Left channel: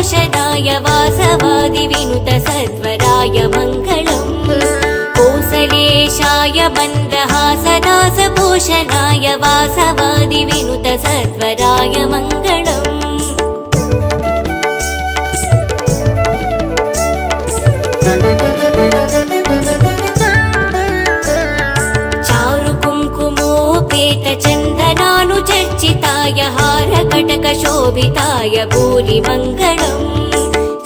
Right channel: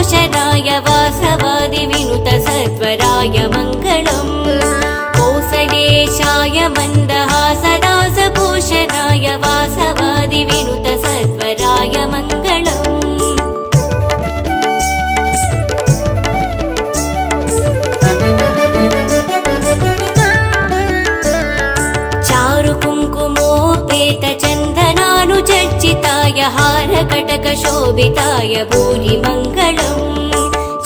भूषणाय वासवादि विनुत सत्वराय मङ्गलम् कोसलेशाय मन्दहासनास भूषणाय वासवादि विनुत सत्वराय मङ्गलम् चारु कुङ्कुमोपेत चन्दनानुचर्चिताय हारकटक शोभिताय भूरिमङ्गलम्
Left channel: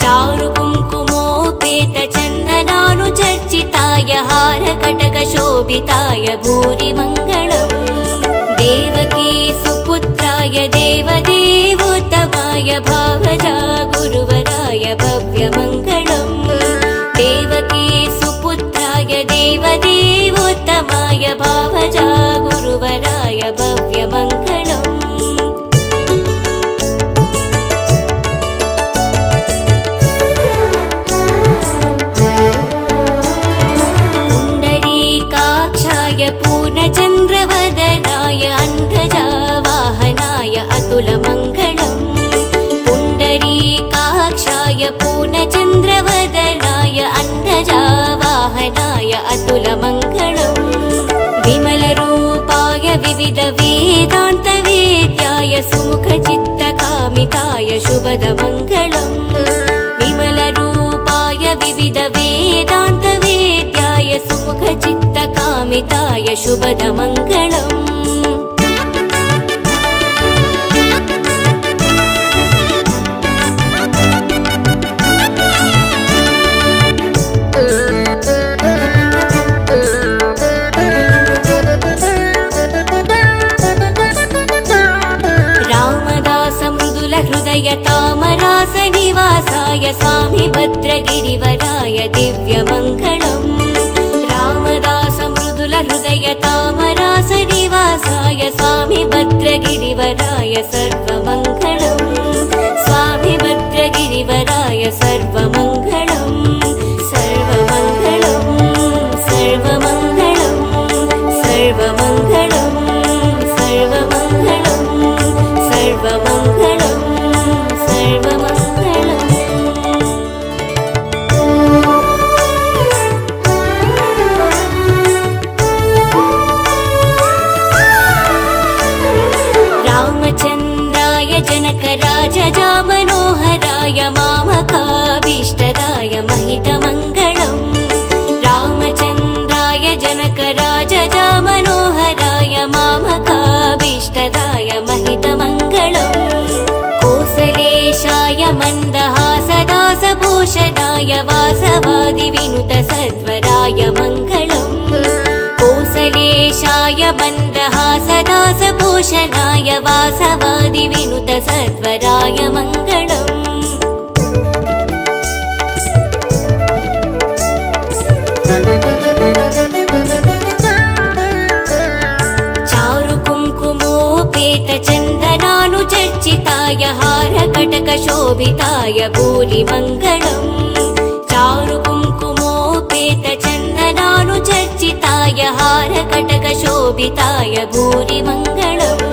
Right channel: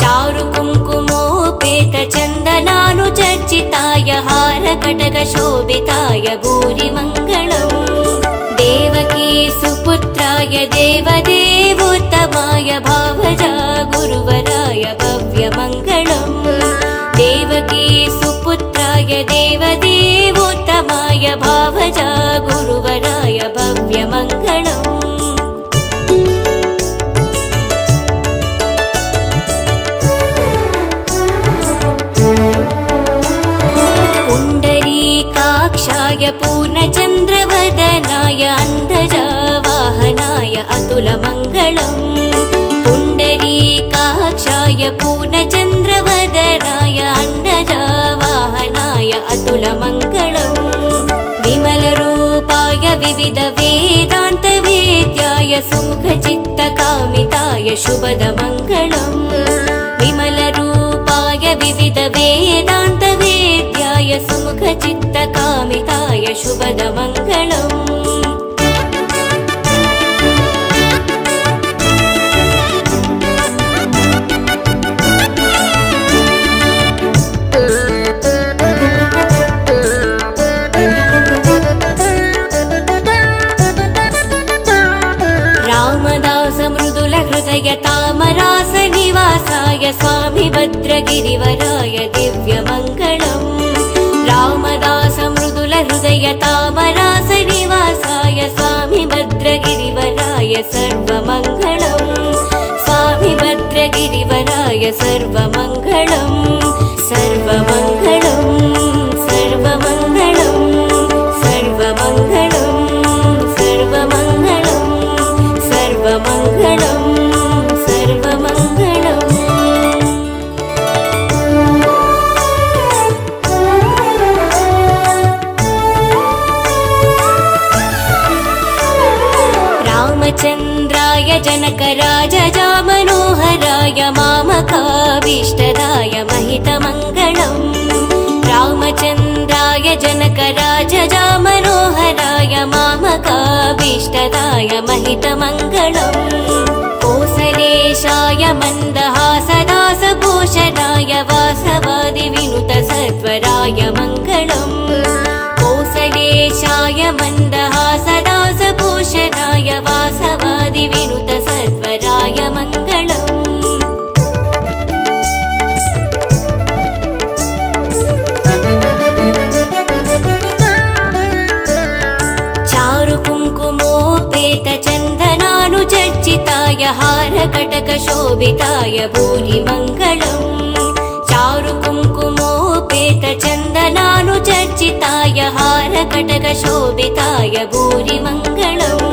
चारु कुङ्कुमोपेत चन्दनानुचर्चिताय हारकटक शोभिताय भूरिमङ्गलम् देवकी सुपुत्राय देवदेवोत्तमाय भावजा गुरुवराय भव्यमङ्गलम् देवकी सुपुत्राय देवदेवोत्तमाय भावजा गुरुवराय भव्यमङ्गलम् पुण्डरीकाक्षाय पूर्णचन्द्रवदनाय अन्धजा वाहनाय अतुलमङ्गलम् पुण्डरीकाक्षाय पूर्णचन्द्रवदनाय अन्धजा वाहनाय अतुलमङ्गलम् विमलरूपाय विविधवेदान्तवेद्याय सुमुखचित्तकामिताय शुभदमङ्गलम् विमलरूपाय विविधवेदान्तवेद्याय सुमुखचित्तकामिताय शुभदमङ्गलम् रामदास मृदुल हृदय तामरास निवासाय स्वामी भद्रगिरिवराय दिव्यमङ्गलम् रामदास मृदुल हृदय तामरास निवासाय स्वामी भद्रगिरिवराय सर्वमङ्गलम् स्वामी भद्रगिरिवराय सर्वमङ्गलम् सर्वमङ्गलम् सर्वमङ्गलम् सर्वमङ्गलम् सर्वमङ्गलम् सर्वमङ्गलम् रामचन्द्राय जनकराजजा मनोहराय मामकाभीष्टदाय महितमङ्गलम् रामचन्द्राय जनकराजजा मनोहराय मामकाभीष्टदाय महितमङ्गलम् कोसलेशाय मन्दहासदास भूषणाय वासवादि विनुत सत्वराय मङ्गलम् कोसलेशाय मन्दहासदास भूषणाय वासवादि विनुत सत्वराय मङ्गलम् चारु कुङ्कुमोपेत चन्दनानुचर्चिताय हारकटक शोभिताय भूरिमङ्गलम् चारु कुङ्कुमोपेत चन्दनानुचर्चिताय हारकटक शोभिताय भूरिमङ्गलम्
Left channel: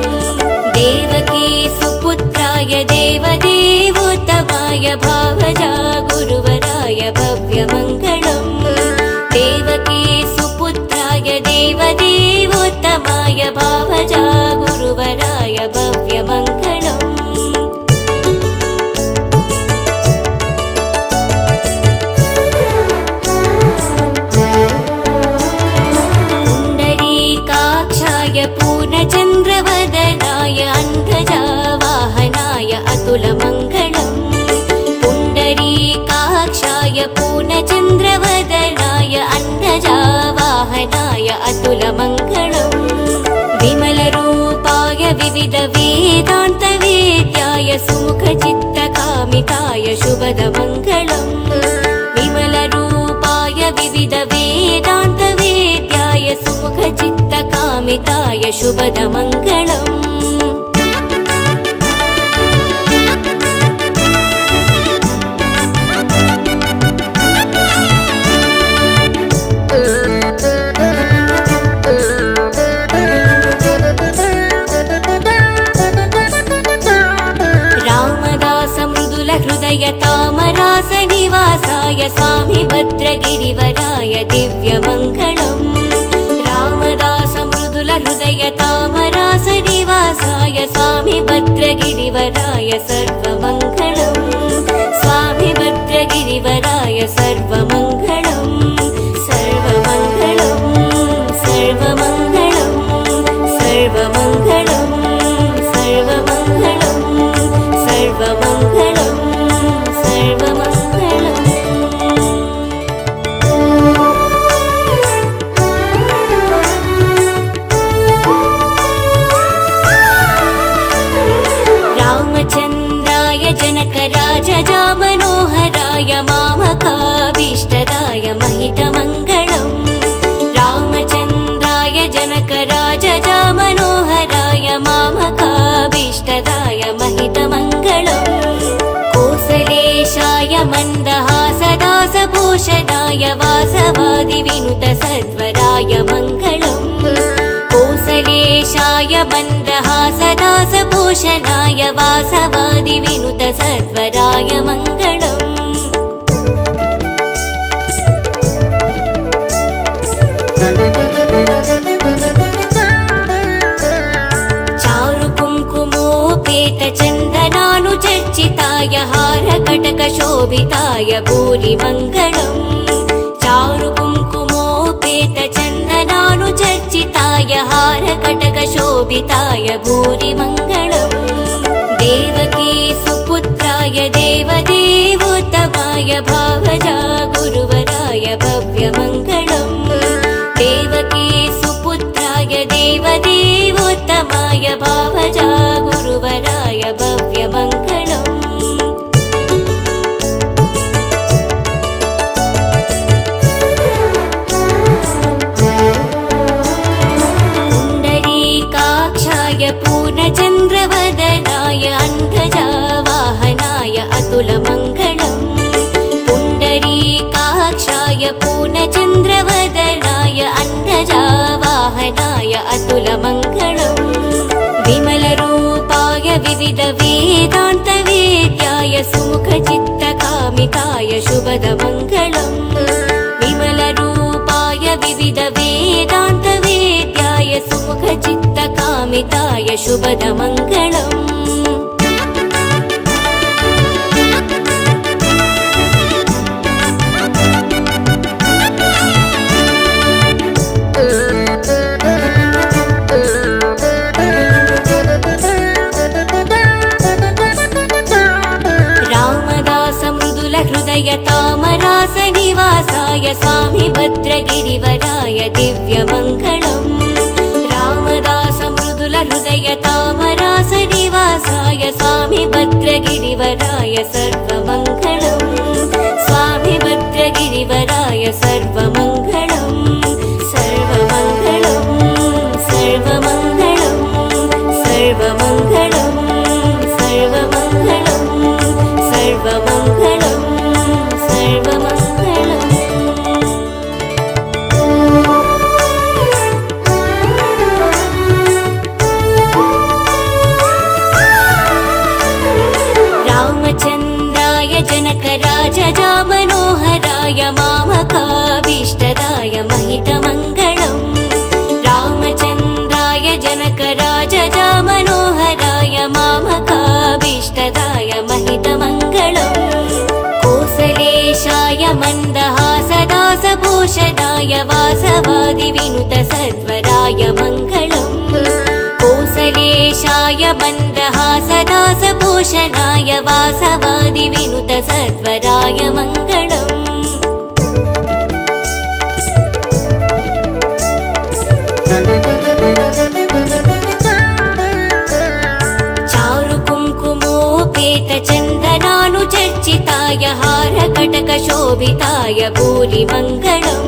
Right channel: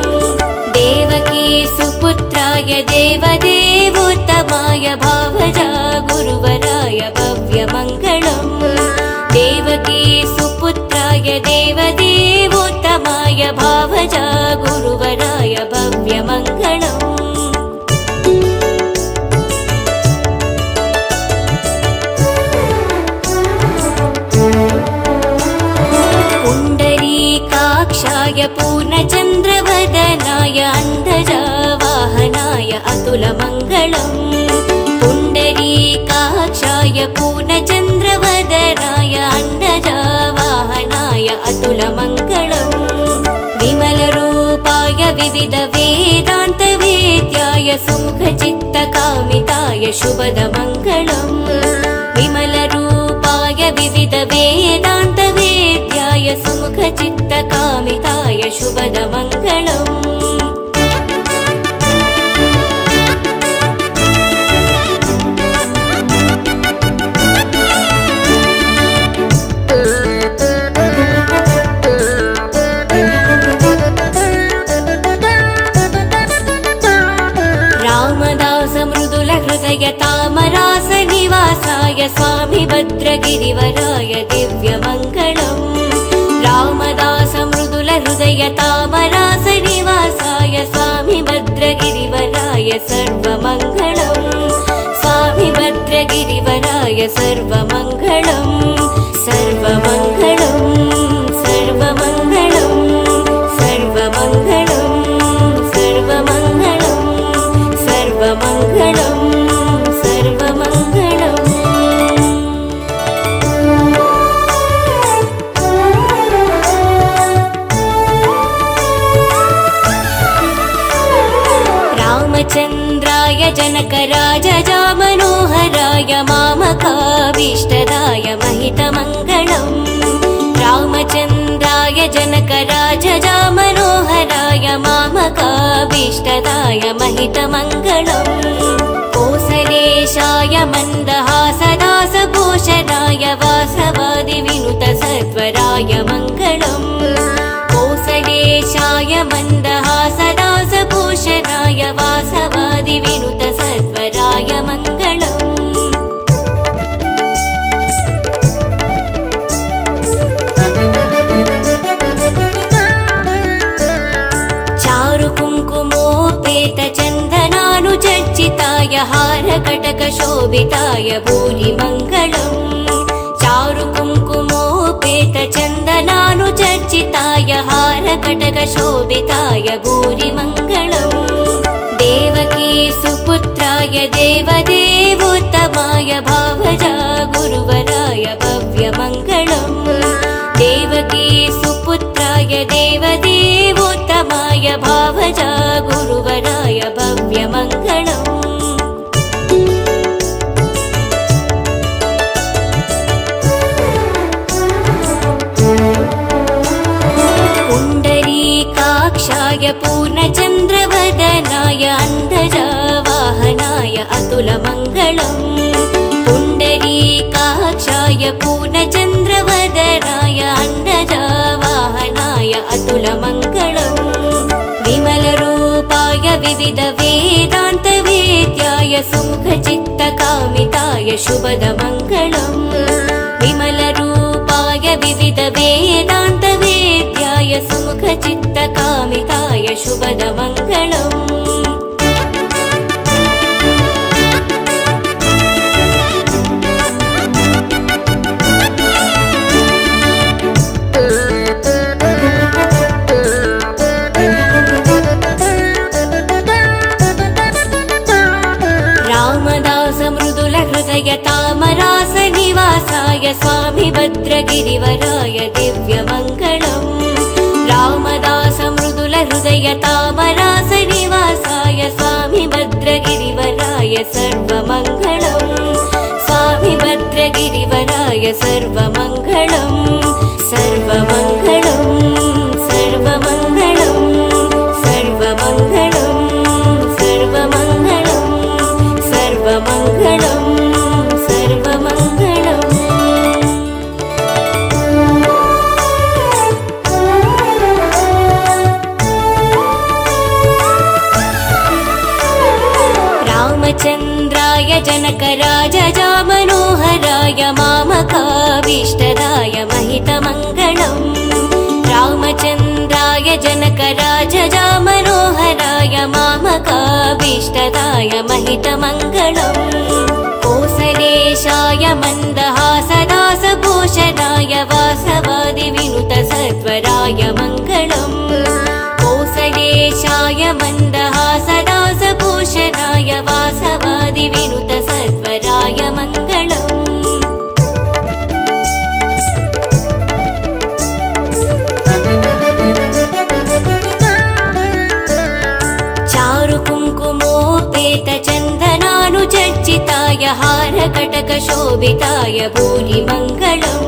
देवकी सुपुत्राय देवदेवोत्तमाय भावजा गुरुवराय भव्यमङ्गलम् देवकी सुपुत्राय देवदेवोत्तमाय भावजा गुरुवराय भव्यमङ्गलम् पुण्डरीकाक्षाय हारकटकशोभिताय भूरिमङ्गलम् चारुकुङ्कुमोपेतचन्दनानुचर्चिताय हारकटकशोभिताय भूरिमङ्गलम् देवकी सुपुत्राय देवदेवोत्तमाय भावजा गुरुवराय भव्यमङ्गलम् देवकी सुपुत्राय देवदेवोत्तमाय भावजा गुरुवराय भव्यमङ्गलम् पुण्डरीकाक्षाय पूर्णचन्द्रवदनाय अन्धजावाहनाय अतुलमङ्गलम् पुण्डरीकाक्षाय पूर्णचन्द्रवदनाय अन्धजावाहनाय अतुलमङ्गलम् विमलरूपाय विविधवेदान्तवेद्याय सुमुखचित्तकामिताय शुभदमङ्गलम् विमलरूपाय विविधवेदान्तवेद्याय सुमुखचित्तकामिताय शुभदमङ्गलम् रामदास मृदुल हृदय तामरास निवासाय स्वामी भद्रगिरिवराय दिव्यमङ्गलम् रामदास मृदुल हृदय तामरास निवासाय स्वामी भद्रगिरिवराय सर्वमङ्गलम् स्वामी भद्रगिरिवराय सर्वमङ्गलम् सर्वमङ्गलम् सर्वमङ्गलम् सर्वमङ्गलम् सर्वमङ्गलम् सर्वमङ्गलम् सर्वमङ्गलम् रामचन्द्राय जनकराजजामनोहराय मामकाभीष्टदाय महितमङ्गलम् रामचन्द्राय जनकराजजामनोहराय मामकाभीष्टदाय महितमङ्गलम् कोसलेशाय मन्दहासदासभूषणाय वासवादिविनुतसत्वराय मङ्गलम् कोसलेशाय मन्दहासदासभूषणाय वासवादिविनुतसत्वराय मङ्गलम् चारुकुङ्कुमोपेतचन्दनानुचर्चिताय हारकटकशोभिताय भूरिमङ्गलम्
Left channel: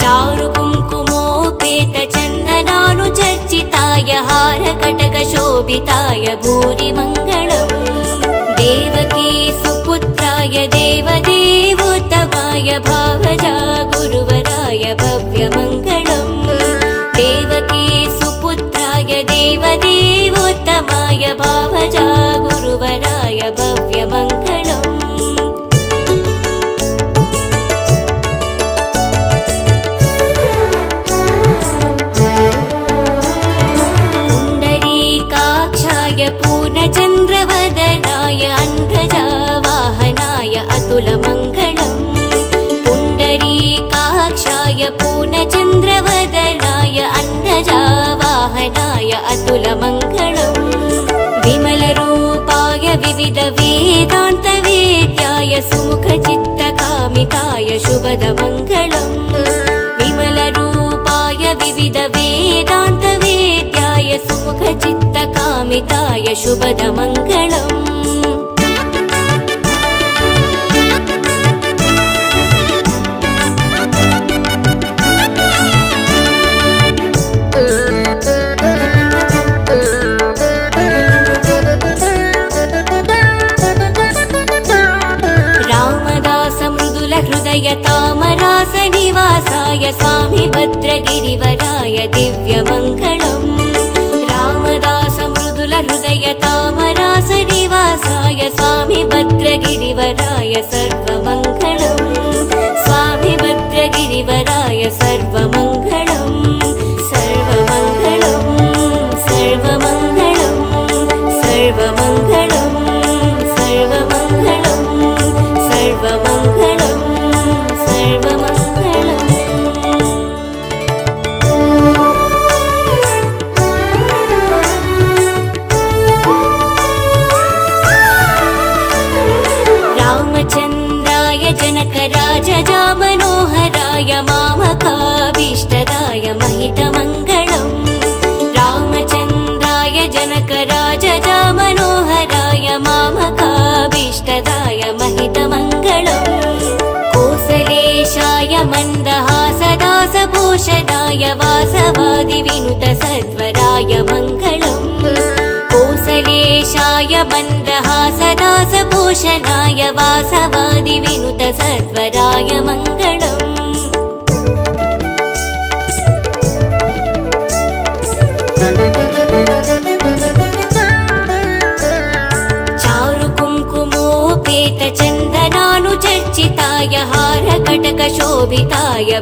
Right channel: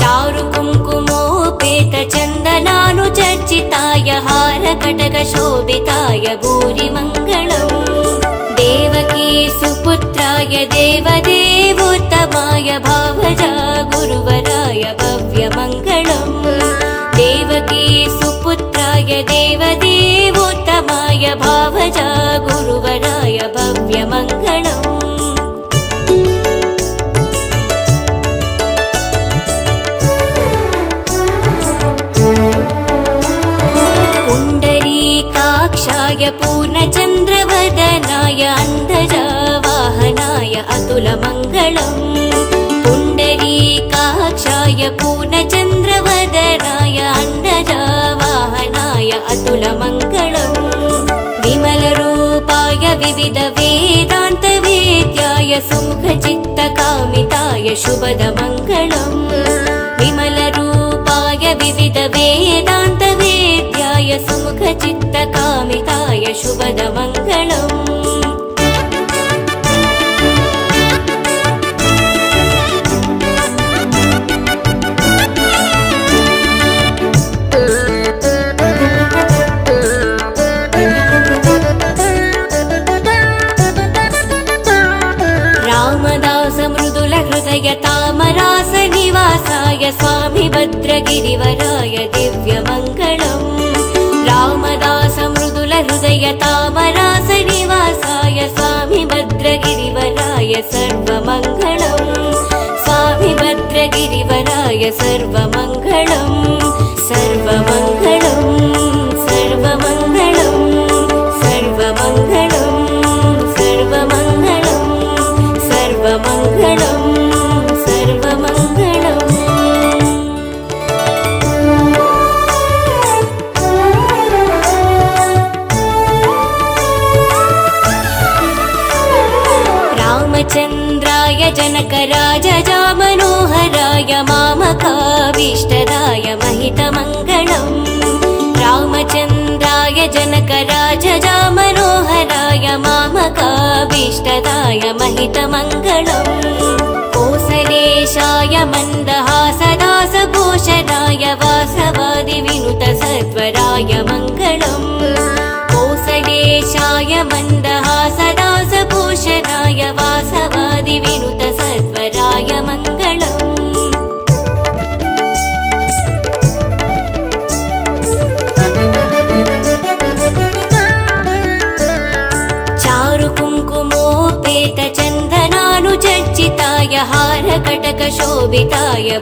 चारुकुङ्कुमोपेतचन्दनानुचर्चिताय हारकटकशोभिताय भूरिमङ्गलम् देवकी सुपुत्राय देवदेवोत्तमाय भावजा गुरुवराय भव्यमङ्गलम् देवकी सुपुत्राय देवदेवोत्तमाय भावजा गुरुवराय भव्यमङ्गलम्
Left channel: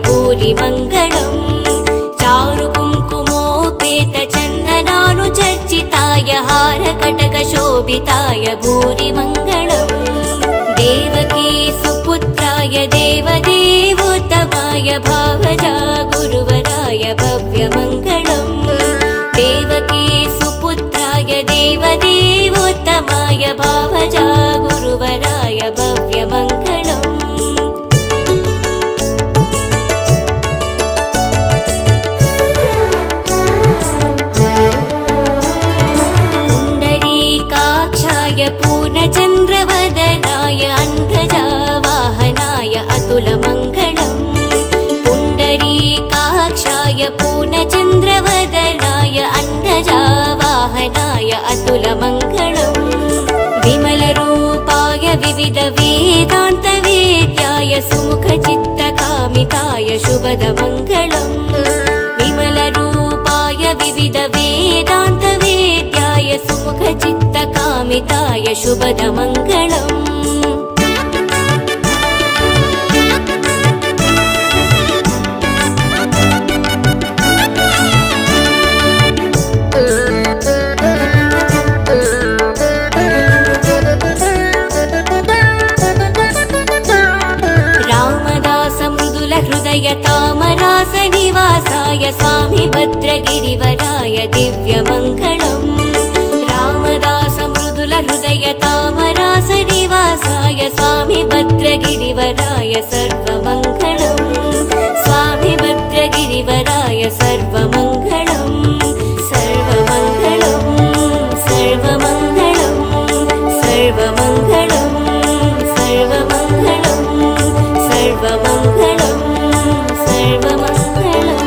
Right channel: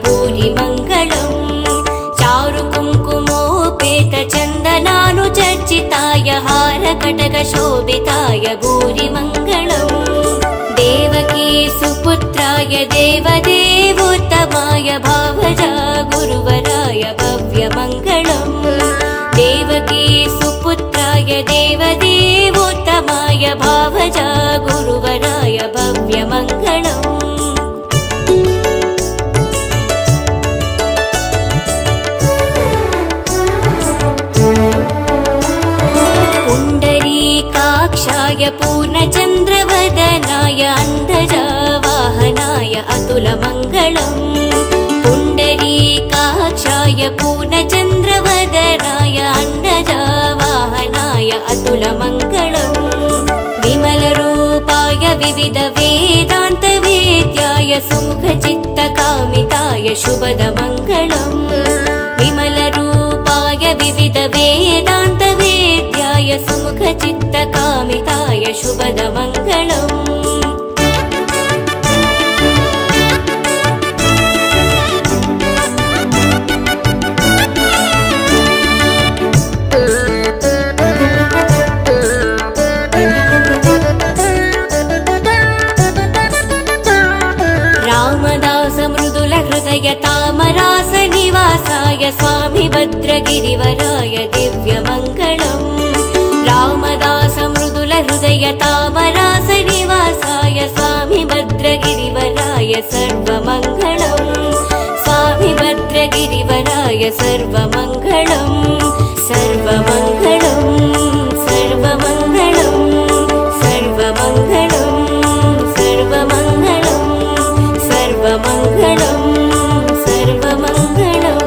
भूरिमङ्गलम् चारुकुङ्कुमोपेतचन्दनानुचर्चिताय हारकटकशोभिताय भूरिमङ्गलम् देवकी सुपुत्राय देवदेवोत्तमाय भावजा गुरुवराय भव्यमङ्गलम् देवकी सुपुत्राय देवदेवोत्तमाय भावजा गुरुवराय भव्यमङ्गलम् पुण्डरीकाक्षाय पूर्णचन्द्रवदनाय अन्तजावाहनाय अतुलमङ्गलम् पुण्डरीकाक्षाय पूर्णचन्द्रवदनाय अन्तजावाहनाय अतुलमङ्गलम् विमलरूपाय विविधवेदान्तवेद्याय सुमुखचित्तकामिताय शुभदमङ्गलम् विमलरूपाय विविधवेदान्तवेद्याय सुमुखचित्तकामिताय शुभदमङ्गलम् रामदास मृदुल हृदय तामरास निवासाय स्वामी भद्रगिरिवराय दिव्यमङ्गलम् रामदास मृदुल हृदय तामरास निवासाय स्वामी भद्रगिरिवराय सर्वमङ्गलम् स्वामी भद्रगिरिवराय सर्वमङ्गलम् सर्वमङ्गलम् सर्वमङ्गलम् सर्वमङ्गलम् सर्वमङ्गलम् सर्वमङ्गलम्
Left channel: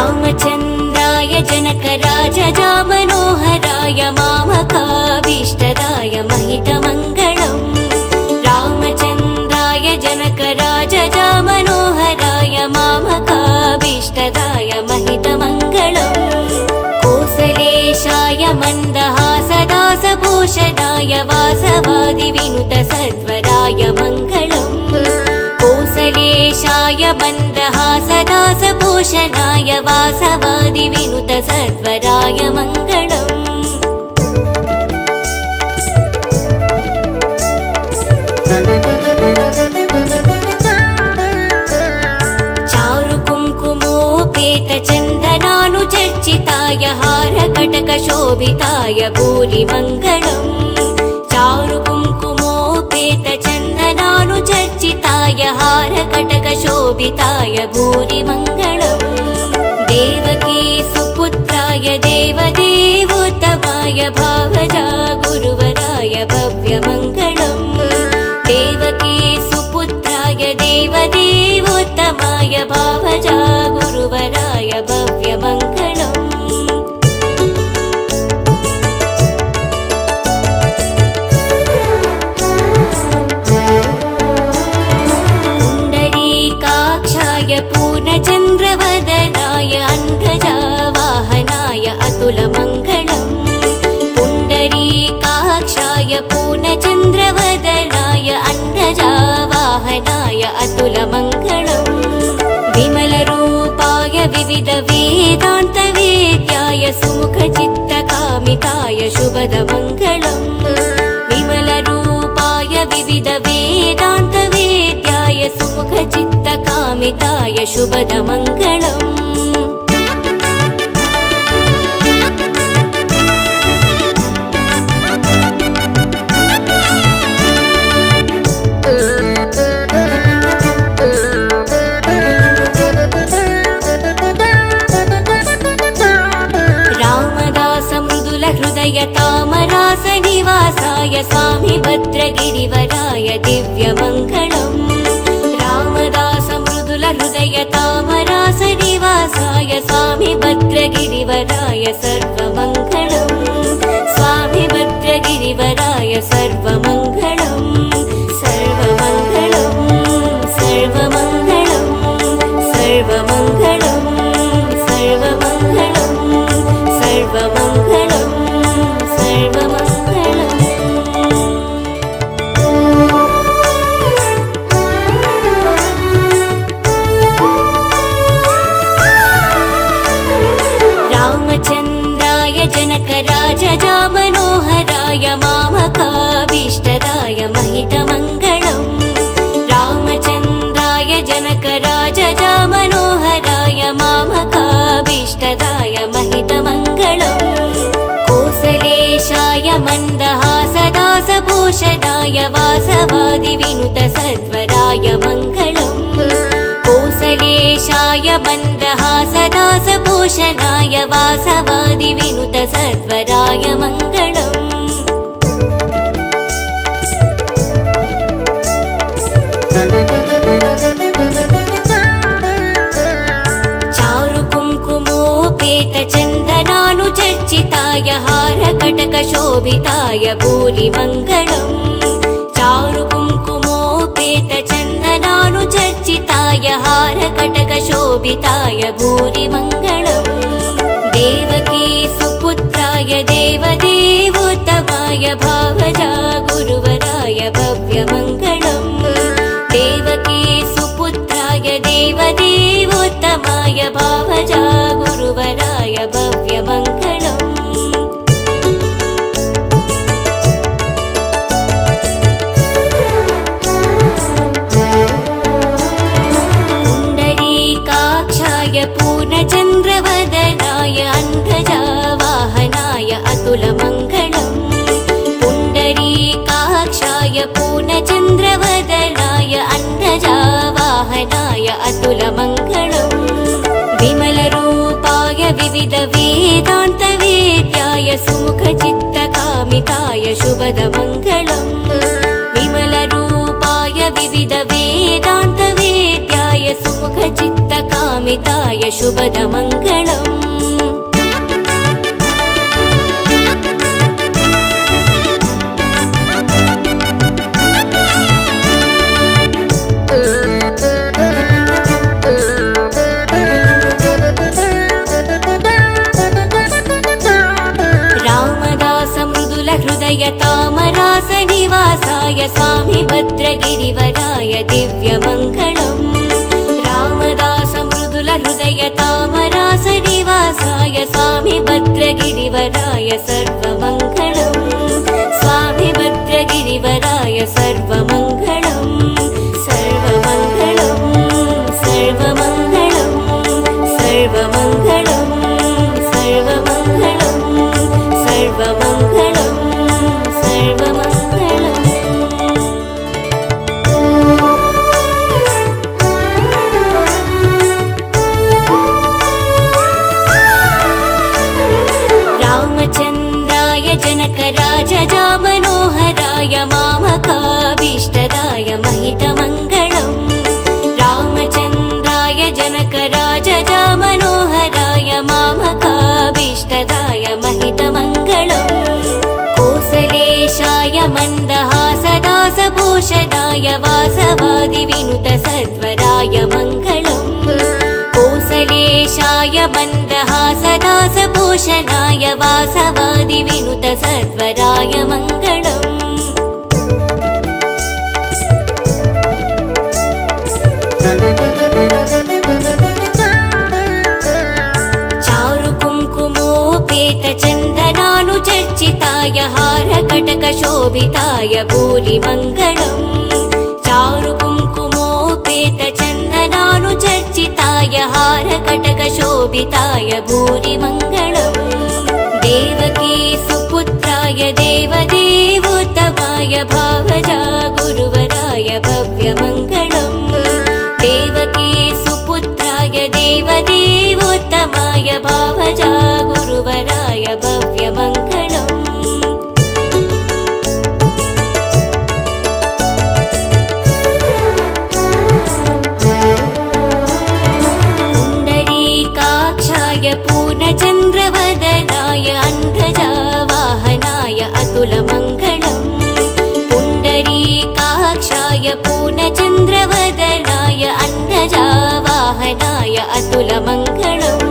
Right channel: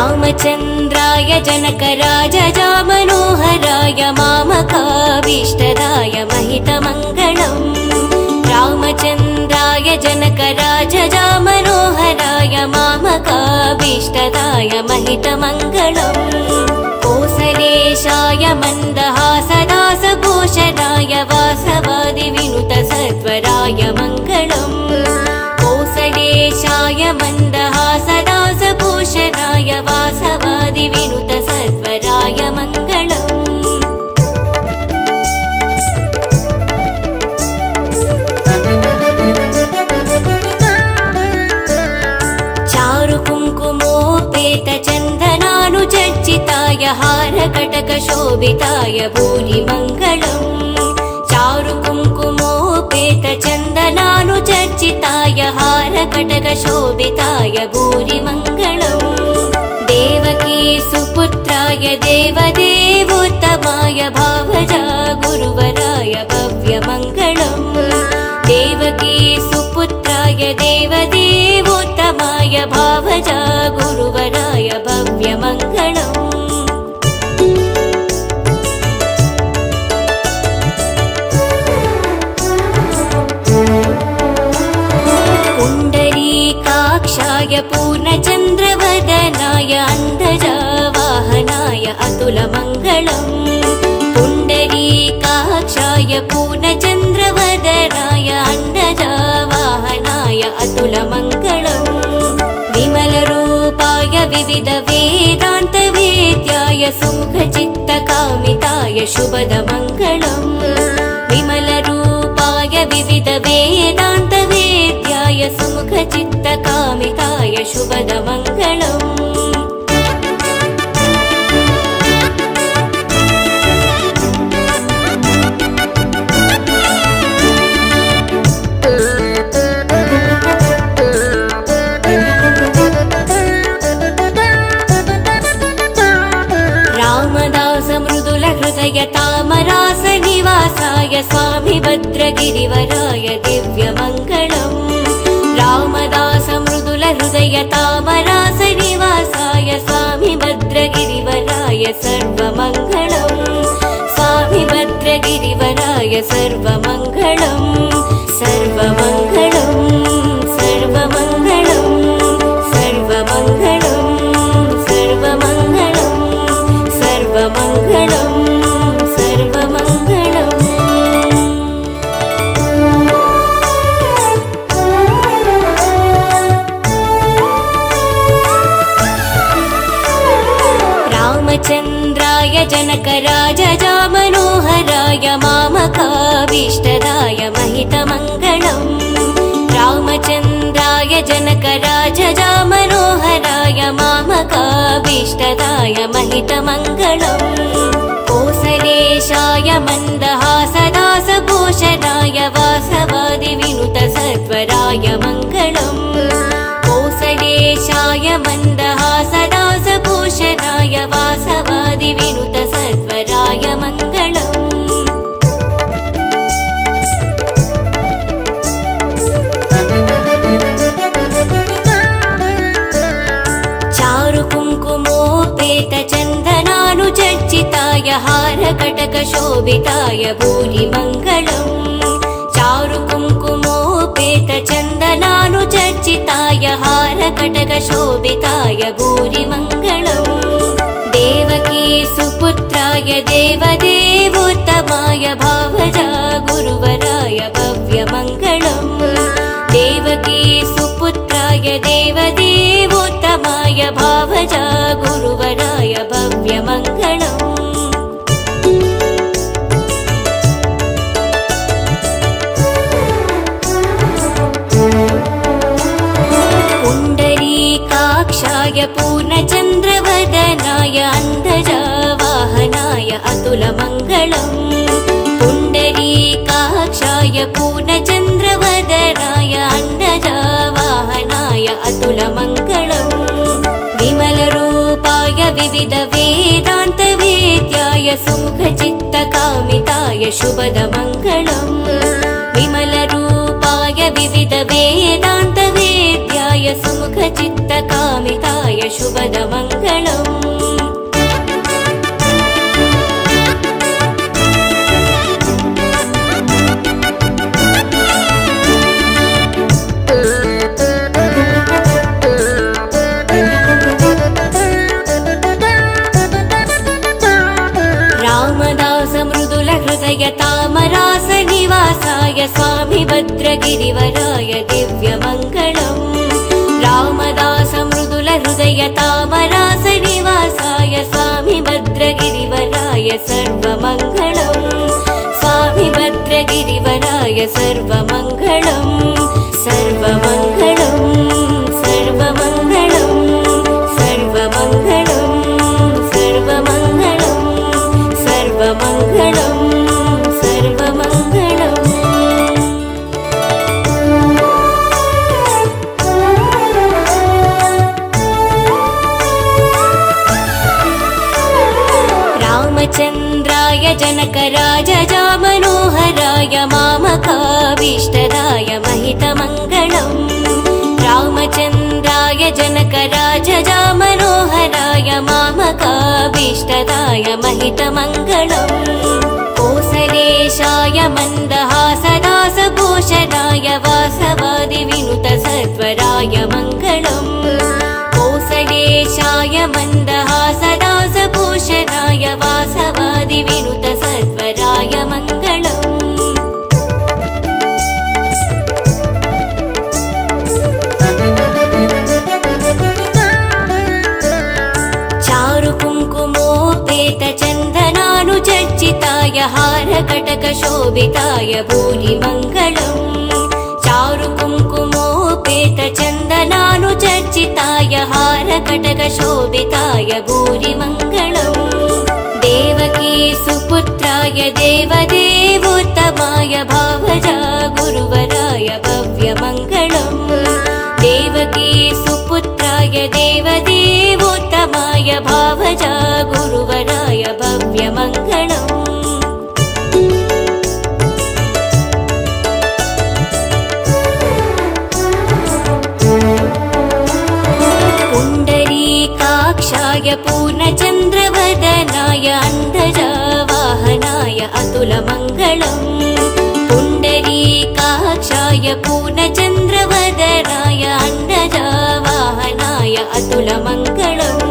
रामचन्द्राय जनकराजजामनोहराय मामकाभीष्टदाय महितमङ्गलम् रामचन्द्राय जनकराजजामनोहराय मामकाभीष्टदाय महितमङ्गलम् कोसलेशाय मन्दहासदासभूषणाय वासवादिविनुतसत्वराय मङ्गलम् कोसलेशाय मन्दहासदासभूषणाय वासवादिविनुतसत्वराय मङ्गलम् चारुकुङ्कुमोपेतचन्दनानुचर्चिताय हारकटकशोभिताय भूरिमङ्गलम् चारुकुङ्कुमोपेतचन्दनानुचर्चिताय हारकटकशोभिताय भूरिमङ्गलम् देवकी सुपुत्राय देवदेवोत्तमाय भावजा गुरुवराय भव्यमङ्गलम् देवकी सुपुत्राय देवदेवोत्तमाय भावजा गुरुवराय भव्यमङ्गलम् पुण्डरीकाक्षाय पूर्णचन्द्रवदनाय अन्तजावाहनाय अतुलमङ्गलम् पुण्डरीकाक्षाय पूर्णचन्द्रवदनाय अन्तजावाहनाय अतुलमङ्गलम् विमलरूपाय विविधवेदान्तवेद्याय सुमुखचित्तकामिताय शुभदमङ्गलम् विमलरूपाय विविधवेदान्तवेद्याय सुमुखचित्तकामिताय शुभदमङ्गलम् रामदास मृदुल हृदय तामरास निवासाय स्वामी भद्रगिरिवराय दिव्यमङ्गलम् रामदास मृदुल हृदय तामरा भूरि मङ्गलम् चारु कुङ्कुमोपेत चन्दनानुचर्चिताय हारकटकशोभिताय भूरि मङ्गलम् देवकी सुपुत्राय देवदेवोत्तमाय भावजा गुरुवराय भव्यमङ्गलम् देवकी सुपुत्राय देवदेवोत्तमाय भावजा गुरुवराय भव्यमङ्गलम् पुण्डरीकाक्षाय पूर्णचन्द्रवदनाय अन्धजावाहनाय अतुलमङ्गलम् पुण्डरीकाक्षाय पूर्णचन्द्रवदनाय अन्धजावाहनाय अतुलमङ्गलम् विमलरूपाय विविधवेदान्तवेद्याय सुमुखचित्तकामिताय शुभदमङ्गलम् विमलरूपाय विविधवेदान्तवेद्याय सुमुखचित्तकामिताय शुभदमङ्गलम् रामदास मृदुल हृदय तामरास निवासाय स्वामी भद्रगिरिवराय दिव्यमङ्गलम् रामदास मृदुल हृदय तामरास निवासाय स्वामी भद्रगिरिवराय सर्वमङ्गलम् स्वामी भद्रगिरिवराय सर्वमङ्गलम् सर्वमङ्गलम् सर्वमङ्गलम् सर्वमङ्गलम् सर्वमङ्गलम् सर्वमङ्गलम् रामचन्द्राय जनकराजजा मनोहराय मामकाभीष्टदाय महितमङ्गलम् रामचन्द्राय जनकराजजा मनोहराय मामकाभीष्टदाय महितमङ्गलम् कोसलेशाय मन्दहासदासभूषणाय वासवादिविनुत सर्वराय मङ्गलम् कोसलेशाय मन्दहासदासभूषणाय वासवादिविनुत सर्वराय मङ्गलम् चारु कुङ्कुमोपेत चन्दनानुचर्चिताय हारकटकशोभिताय भूरि मङ्गलम् चारु कुङ्कुमोपेत चन्दनानुचर्चिताय हारकटकशोभिताय भूरि मङ्गलम् देवकी सुपुत्राय देवदेवोत्तमाय भावजा गुरुवराय भव्यमङ्गलम् देवकी सुपुत्राय देवदेवोत्तमाय भावजा गुरुवराय भव्यमङ्गलम् पुण्डरीकाक्षाय पूर्णचन्द्रवदनाय अन्धजावाहनाय अतुलमङ्गलम् पुण्डरीकाक्षाय पूर्णचन्द्रवदनाय अन्धजावाहनाय अतुलमङ्गलम्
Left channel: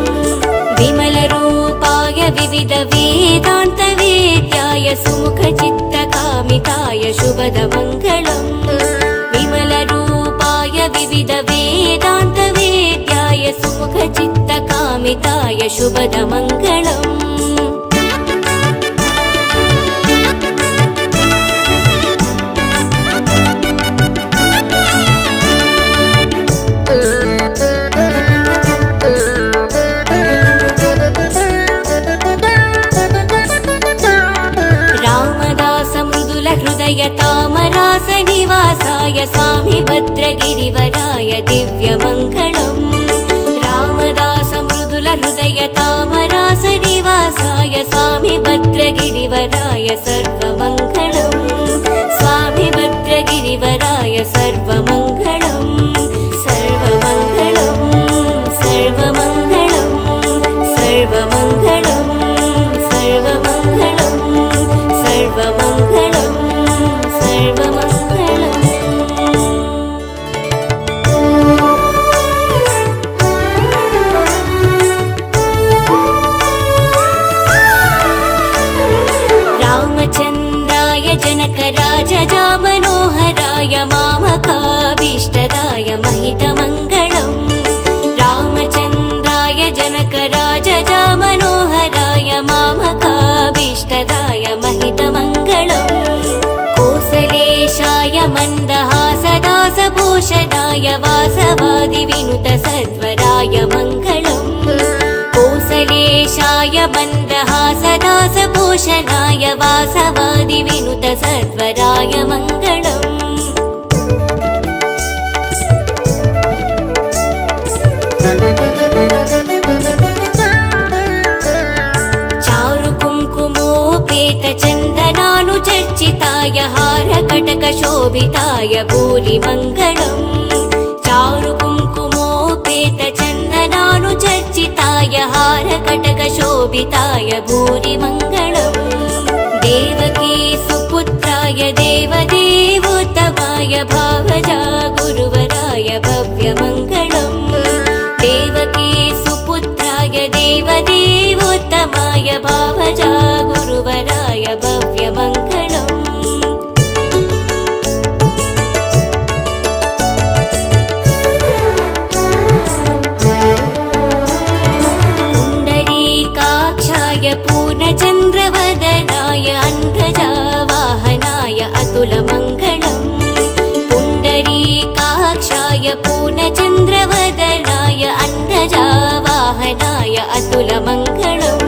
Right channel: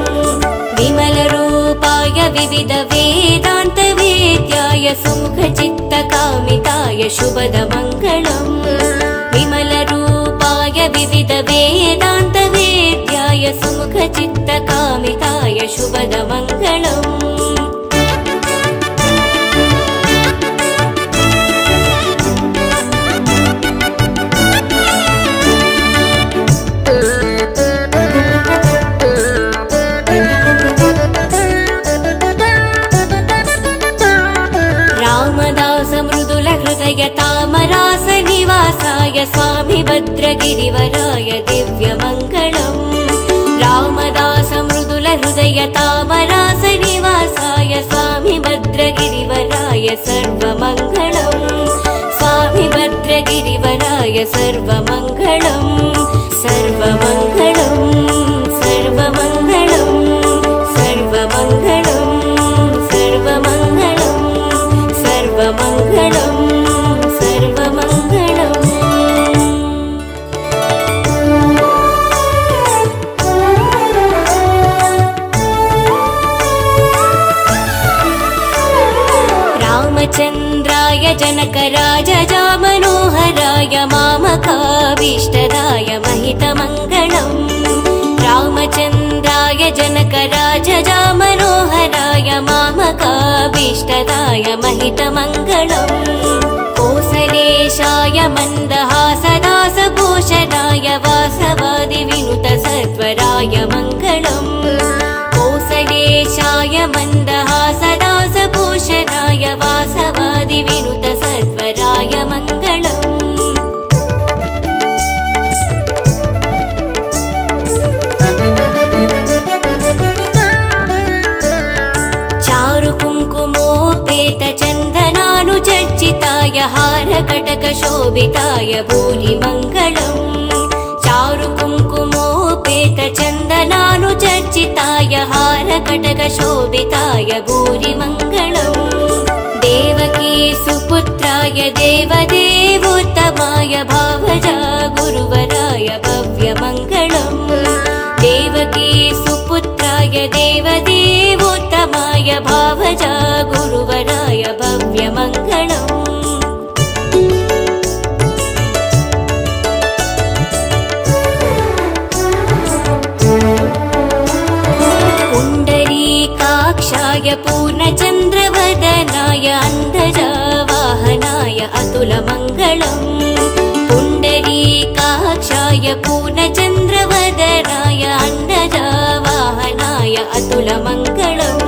विमलरूपाय विविधवेदान्तवेद्याय सुमुखचित्तकामिताय शुभदमङ्गलम् विमलरूपाय विविधवेदान्तवेद्याय सुमुखचित्तकामिताय शुभदमङ्गलम् रामदास मृदुल हृदय तामरास निवासाय स्वामी भद्रगिरिवराय दिव्यमङ्गलम् रामदास मृदुल हृदय तामरास निवासाय स्वामी भद्रगिरिवराय सर्वमङ्गलम् स्वामी भद्रगिरिवराय सर्वमङ्गलम् सर्वमङ्गलम् सर्वमङ्गलम् सर्वमङ्गलम् सर्वमङ्गलम् सर्वमङ्गलम् पूरिताय भूरिमङ्गलम् देवकी सुपुत्राय देवदेवोत्तमाय भावजा गुरुवराय भव्यमङ्गलम् देवकी सुपुत्राय देवदेवोत्तमाय भावजा गुरुवराय भव्यमङ्गलम् पुण्डरीकाक्षाय पूर्णचन्द्रवदनाय अन्धजावाहनाय अतुलमङ्गलम् पुण्डरीकाक्षाय पूर्णचन्द्रवदनाय अन्धजावाहनाय अतुलमङ्गलम्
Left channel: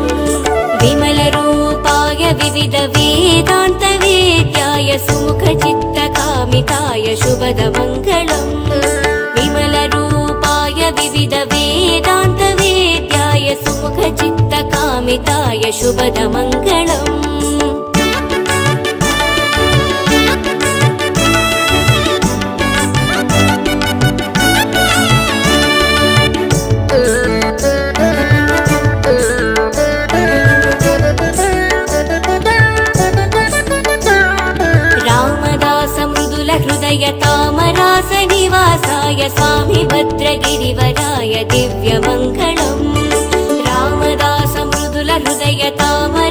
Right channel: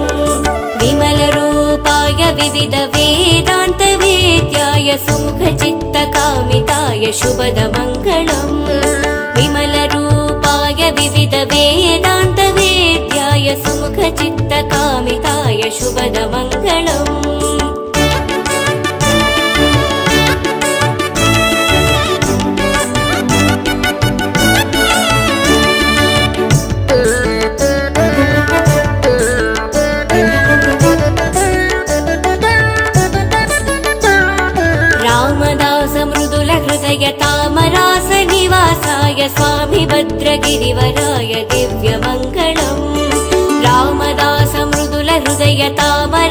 विमलरूपाय विविधवेदान्तवेद्याय सुमुखचित्तकामिताय शुभदमङ्गलम् विमलरूपाय विविधवेदान्तवेद्याय सुमुखचित्तकामिताय शुभदमङ्गलम् रामदास मृदुल हृदय तामरास निवासाय स्वामी भद्रगिरिवराय दिव्यमङ्गलम् रामदास मृदुल हृदय तामरास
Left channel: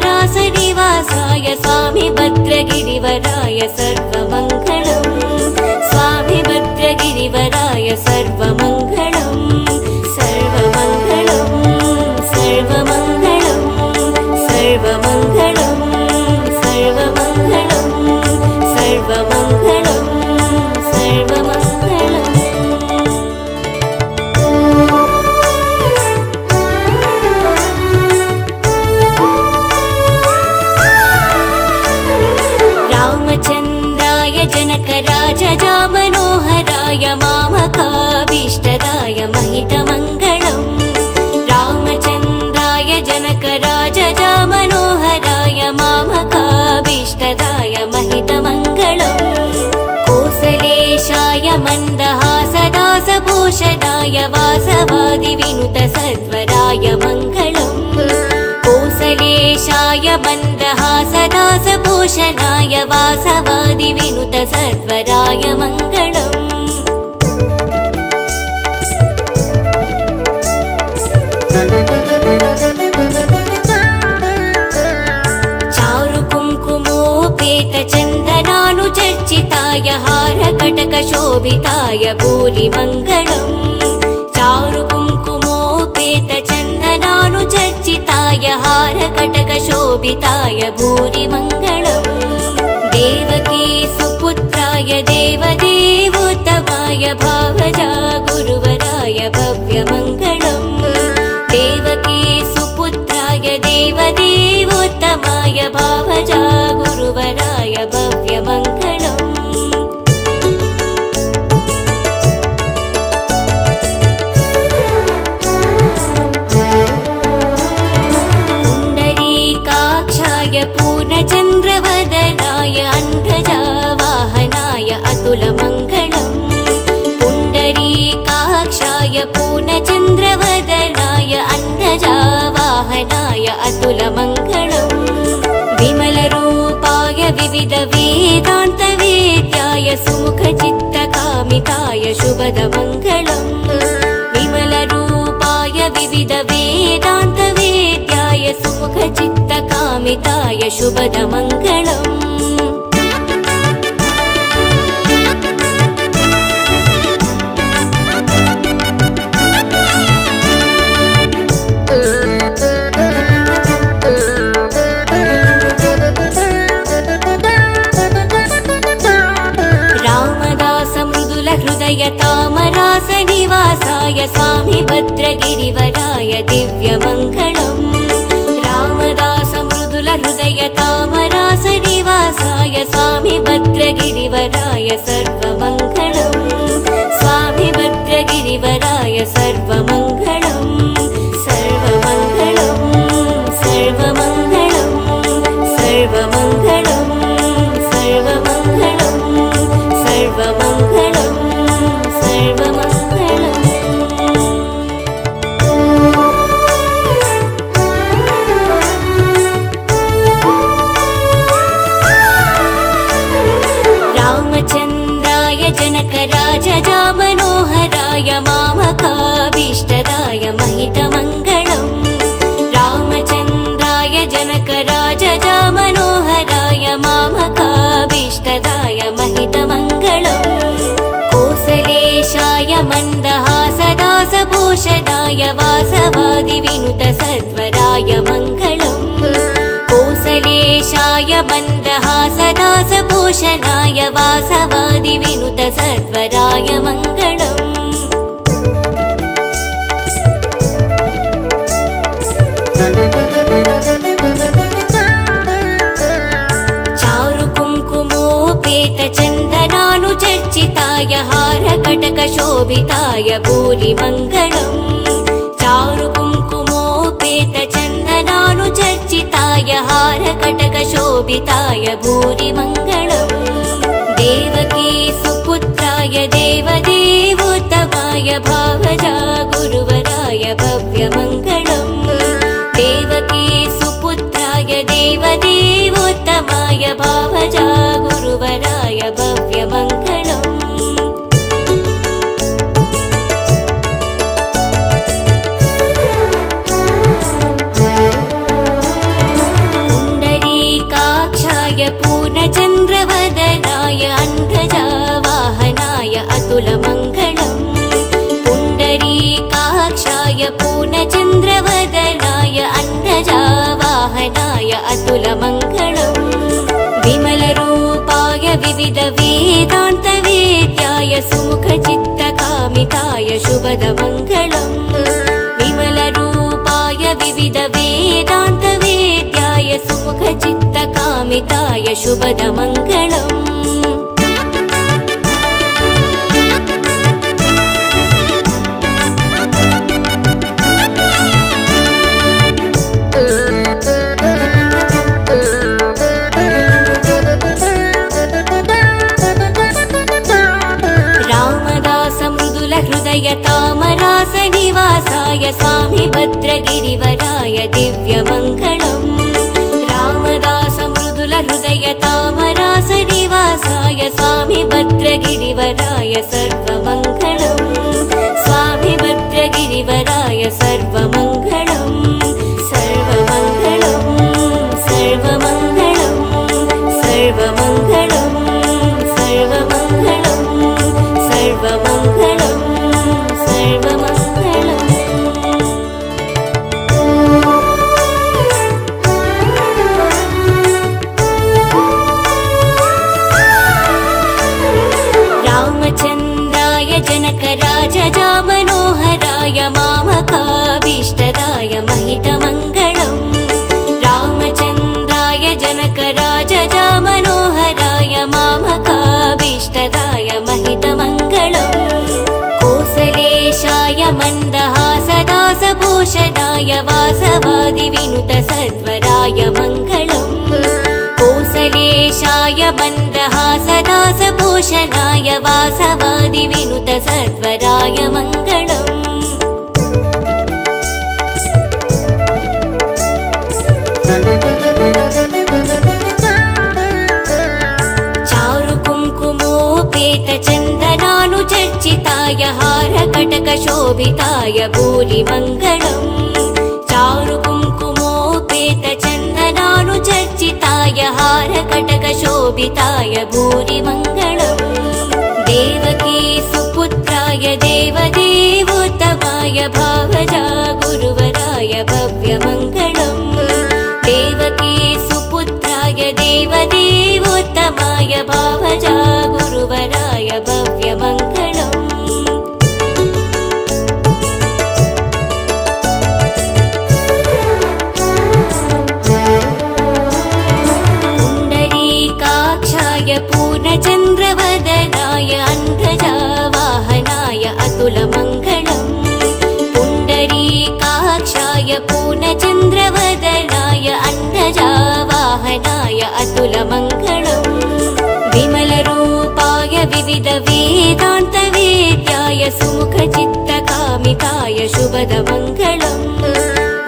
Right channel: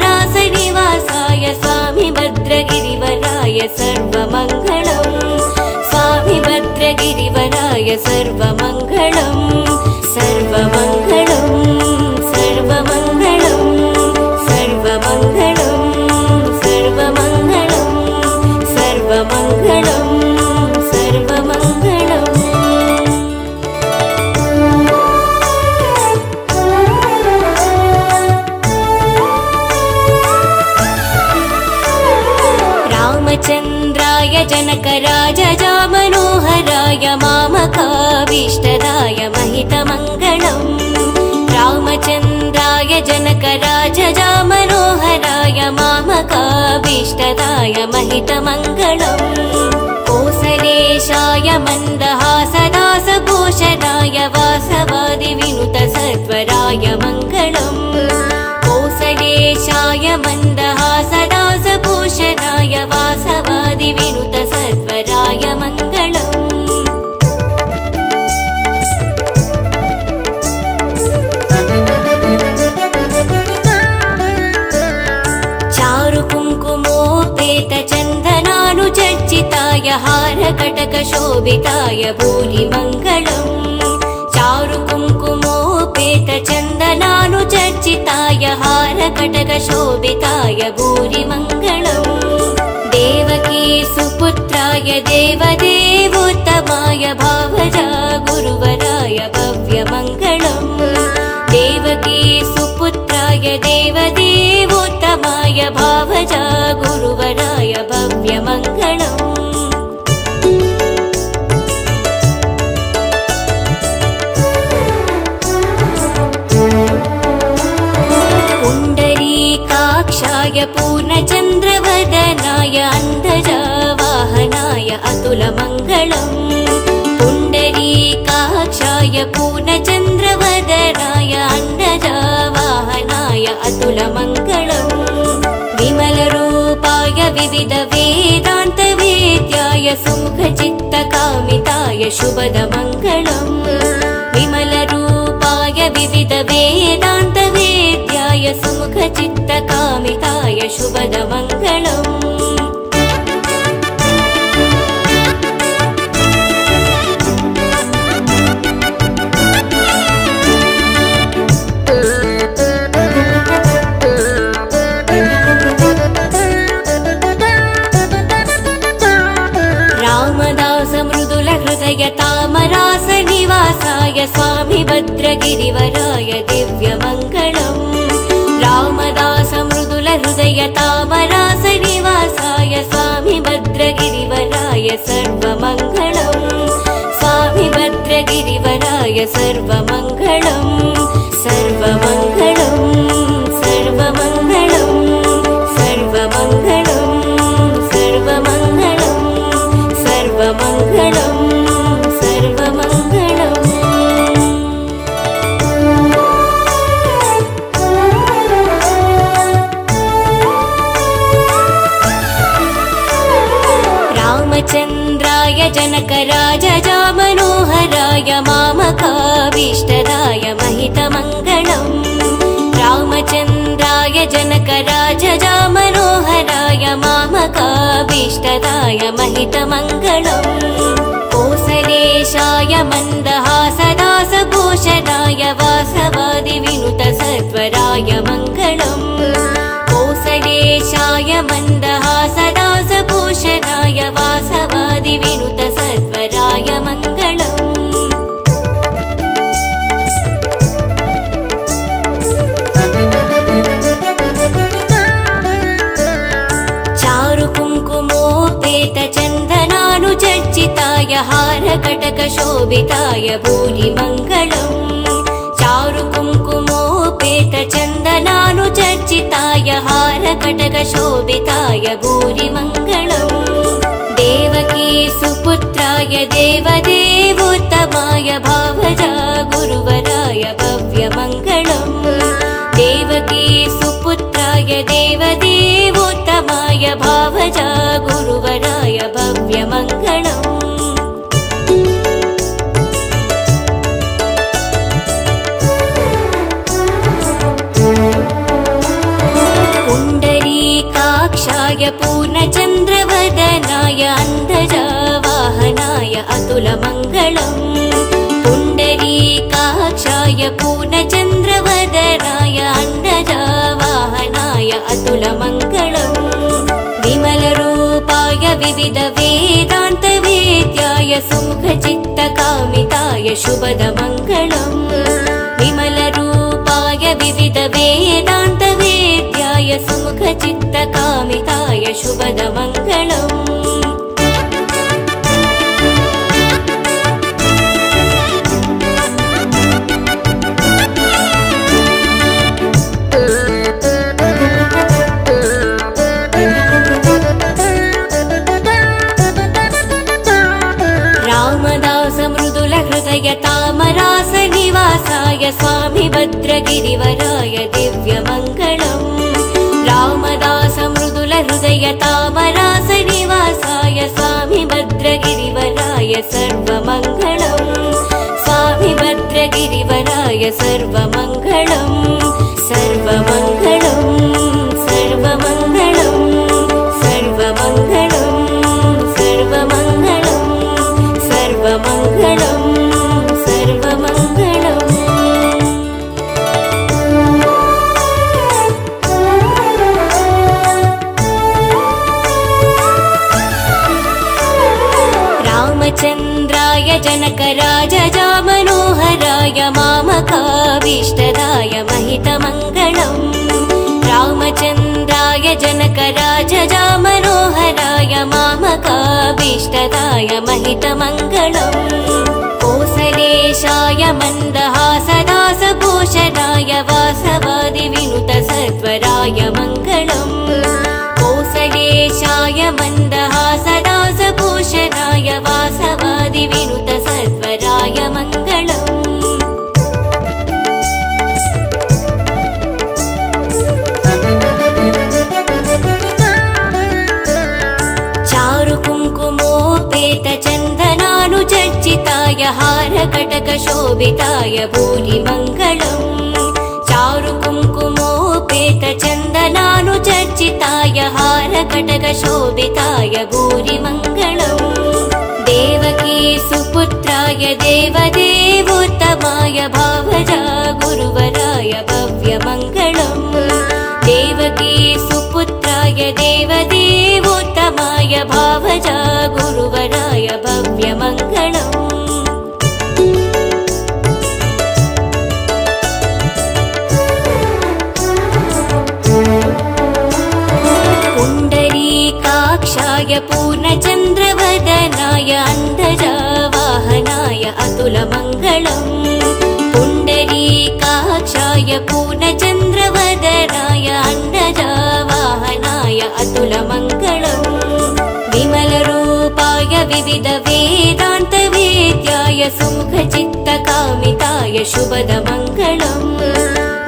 पूर्णचन्द्रवदनाय अन्नजावाहनाय अतुलमङ्गलम् विमलरूपाय विविधवेदान्तवेद्याय सुमुखचित्तकामिताय शुभदमङ्गलम्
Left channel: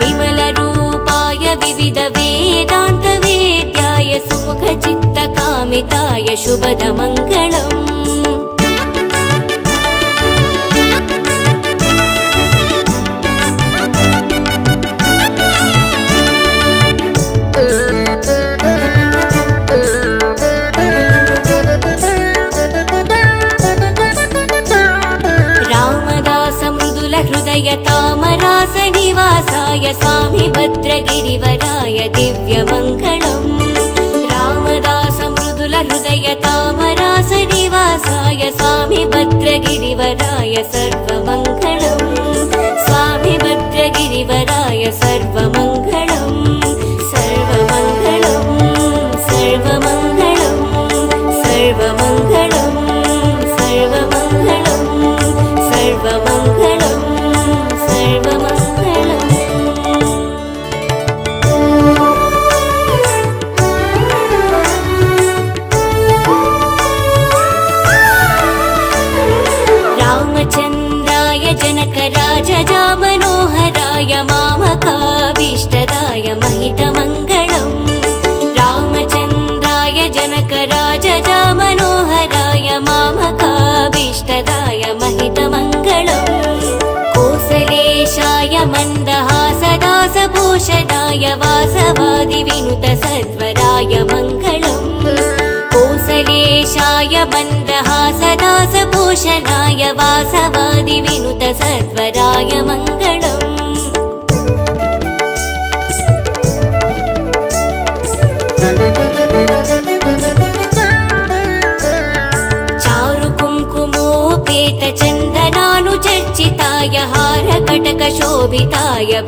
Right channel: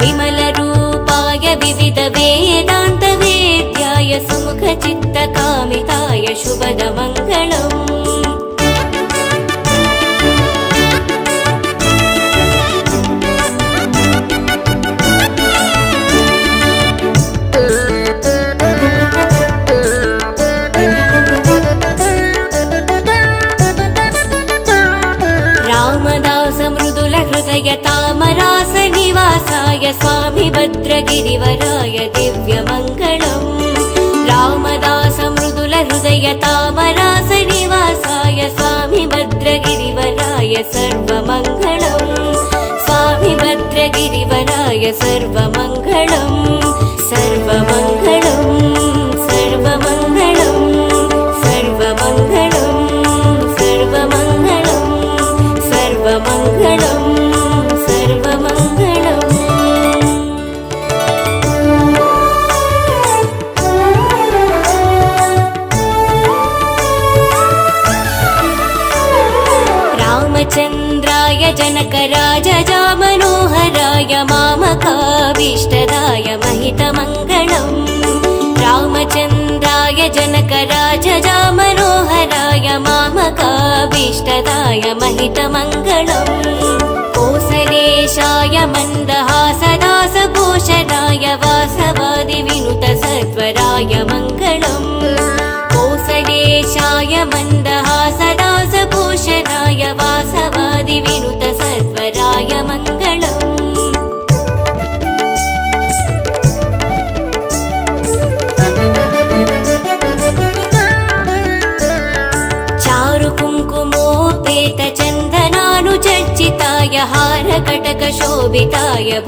विमलरूपाय विविधवेदान्तवेद्याय सुमुखचित्तकामिताय शुभदमङ्गलम् तामरासनिवासाय स्वामी भद्रगिरिवराय दिव्यमङ्गलम् रामदासमृदुलहृदय तामरासनिवासाय स्वामी भद्रगिरिवराय सर्वमङ्गलम् स्वामी भद्रगिरिवराय सर्वमङ्गलम् सर्वमङ्गलम् सर्वमङ्गलम् सर्वमङ्गलम्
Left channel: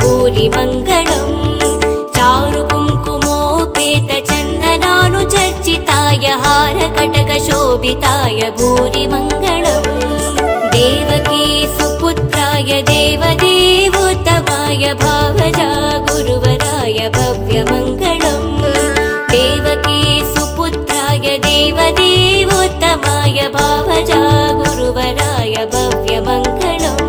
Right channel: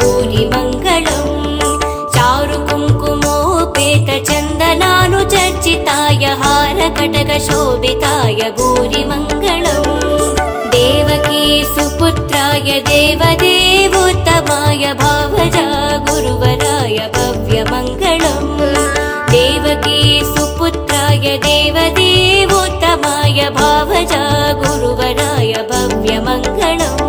भूरिमङ्गलम् चारुकुङ्कुमोपेतचन्दनानुचर्चिताय हारकटकशोभिताय भूरिमङ्गलम् देवकी सुपुत्राय देवदेवोत्तमाय भावजा गुरुवराय भव्यमङ्गलम् देवकी सुपुत्राय देवदेवोत्तमाय भावजा गुरुवराय भव्यमङ्गलम्